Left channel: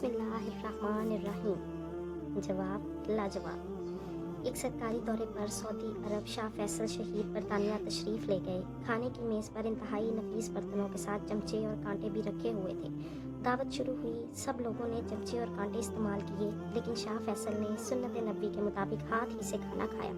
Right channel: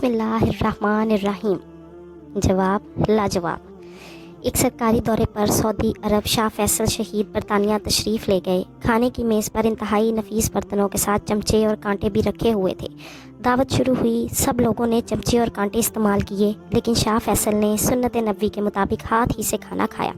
بسم اللہ الرحمن الرحیم۔ جواب لاجواب۔ ایک سرکاری دورے پر سعودی عرب شاہ فیصل شہید برطانیہ تشریف لے گئے۔ کھانے کی میز پر انتہائی نفیس برتنوں کے ساتھ چمچے اور کانٹے بھی رکھے ہوئے تھے۔ دعوت شروع ہوئی، سب لوگوں نے چمچے اور کانٹے استعمال کیے، لیکن شاہ فیصل نے سنت نبوی کے مطابق ہاتھ ہی سے کھانا کھایا۔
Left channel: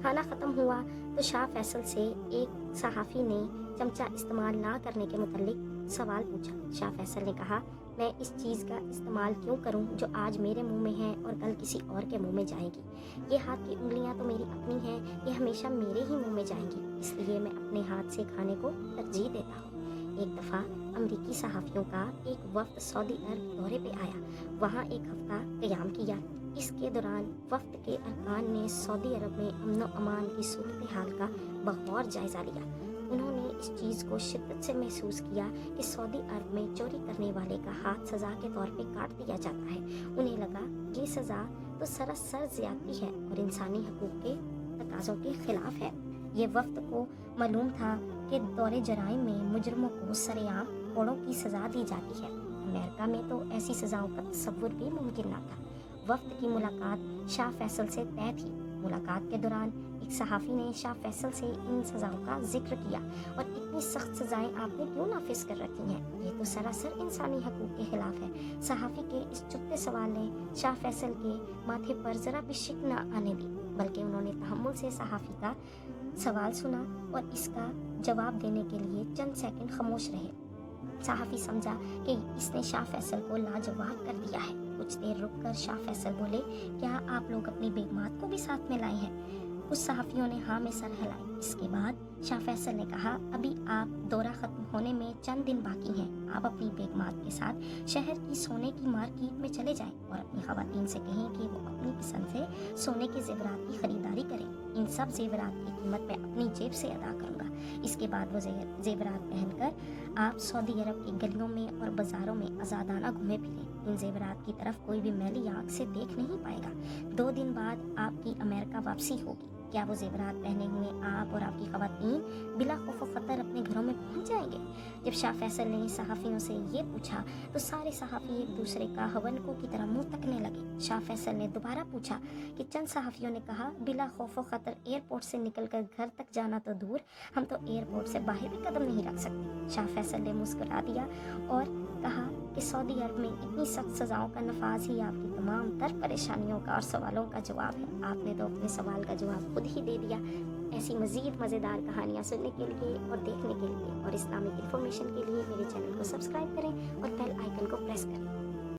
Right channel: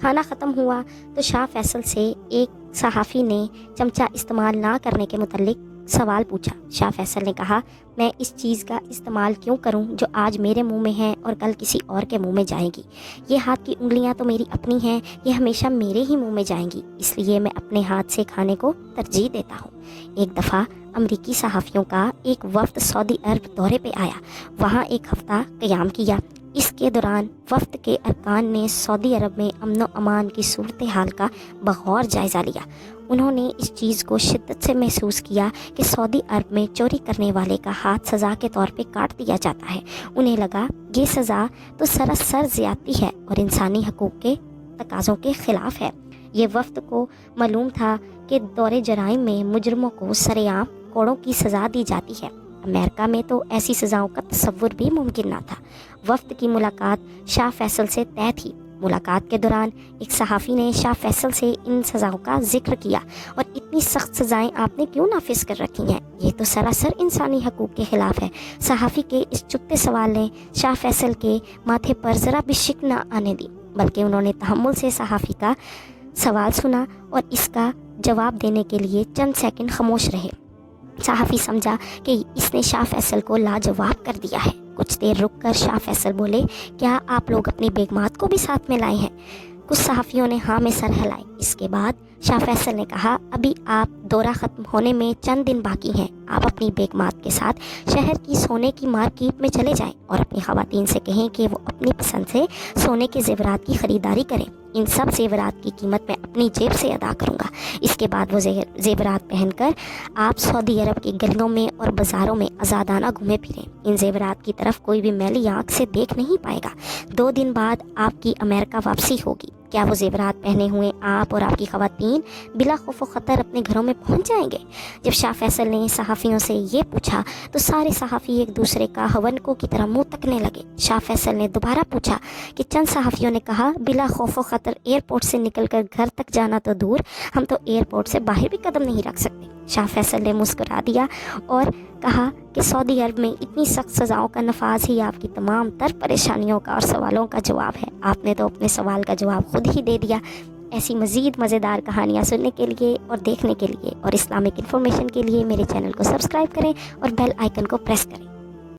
کھانا ختم ہوا تو شاہ فیصل سے ایک صحافی نے چمچہ استعمال نہ کرنے کے متعلق سوال پوچھا۔ شاہ فیصل نے کہا، میں اس چیز کا استعمال کیوں کروں جو آج میرے منہ میں ہے اور کل کسی اور کے منہ میں جائیں گی؟ یہ ہاتھ کی انگلیاں تو میری اپنی ہیں، یہ ہمیشہ میرے ہی منہ میں جائیں گی، اس لیے میں اپنے ہاتھ سے کھانے کو ترجیح دیتا ہوں۔ ایک دفعہ امریکی صحافیوں کا ایک وفد سعودی عرب دورے پہ آیا، وہاں ایک ہفتہ قیام کیا۔ اس کے دوران وفد کے ارکان نے سعودی عرب میں امن و امان کی صورتحال کا بغور جائزہ لیا۔ انہوں نے اس چیز کو شدت سے محسوس کیا کہ سعودی عرب میں چوری کرنے والے کا ہاتھ سزا کے طور پہ کاٹ دیا جاتا ہے۔ انہیں لگا یہ سزا تو سراسر زیادتی ہے اور انسانی حقوق کے تقاضوں کے خلاف ہے۔ یہ وفد کو معلوم تھا کہ دور جرائم میں مجرموں کو سرعام کوڑوں کی سزا دی جاتی ہے۔ امریکہ میں تو ایسی سزاؤں کا تصور بھی ممکن نہ تھا۔ وفد کی ملاقات شاہ فیصل سے طے تھی۔ ملاقات کے دوران ایک صحافی نے شاہ فیصل سے ان سزاؤں کا ذکر کیا، اور اتنی سخت سزائیں آپ نے کیوں نافذ کر رکھی ہیں؟ یہ تو سراسر انسانی حقوق کے خلاف ہے۔ صحافی کے اس چپتے سوال نے شاہ فیصل کے ماتھے پر ذرا بھی شک نہ آنے دی، بلکہ انہوں نے تحمل سے صحافی کا سوال سنا اور اس کا جواب دینے کے لیے چند سیکنڈ خاموش رہے۔ صحافی سمجھا کہ اس نے شاہ فیصل کو لاجواب کر دیا ہے۔ کچھ دیر رک کر شاہ فیصل بولے، کیا آپ لوگ اپنی بیگمات کو بھی ساتھ میں لائے ہیں؟ کچھ صحافیوں نے ہاں میں سر ہلائی۔ اس کے بعد شاہ فیصل نے کہا، ابھی آپ دورہ ختم ہونے میں چند دن باقی ہیں، آپ اپنی بیگمات کے ساتھ شہر کی سونے کی مارکیٹ میں چلے جائیں اور اپنی خواتین سے کہیں کہ وہ اپنی پسند سے سونے کے زیورات کی خریداری کریں۔ ان سب زیورات کی قیمت میں اپنی جیب سے ادا کروں گا۔ اس کے بعد وہ زیورات پہن کر آپ سعودی عرب کی گلیوں میں اور بازاروں میں آزادانہ گھومے پھریں۔ ان زیورات کی طرف کوئی بھی میلی آنکھ سے دیکھ نہیں پائے گا۔ 2 دن بعد آپ کی امریکہ واپسی ہوگی۔ کیا وہ زیورات پہنے ہوئے آپ اور آپ کی خواتین بلا خوف و خطر اپنے گھروں میں پہنچ جائیں گے؟ جب شاہ فیصل نے صحافیوں سے یہ پوچھا تو سارے صحافی ایک دوسرے کا ہونکوں کی طرح منہ تکنے لگے۔ شاہ فیصل نے دوبارہ پوچھا کہ چند صحافیوں نے کہا، بلا خوف و خطر ایئرپورٹ سے نکل کر گھر تک جانا تو دور، ہم تو ایئرپورٹ سے باہر بھی قدم نہیں رکھ سکتے۔ شاہ فیصل نے مسکرا دیا اور کہا کہ سعودی عرب میں اتنی سخت سزاؤں کا نفاذ ہی آپ کی تمام تر پریشانیوں کا اور سوالوں کا جواب ہے۔ آپ نے تو اپنے سوال کا جواب خود ہی دے دیا۔ ایسی مزید مزیدار کہانیاں سننے کے لیے اور دیکھنے کے لیے اور اسلامک انفارمیشن کے لیے میرے چینل کو سبسکرائب کریں اور بیل آئیکن کو پریس کریں۔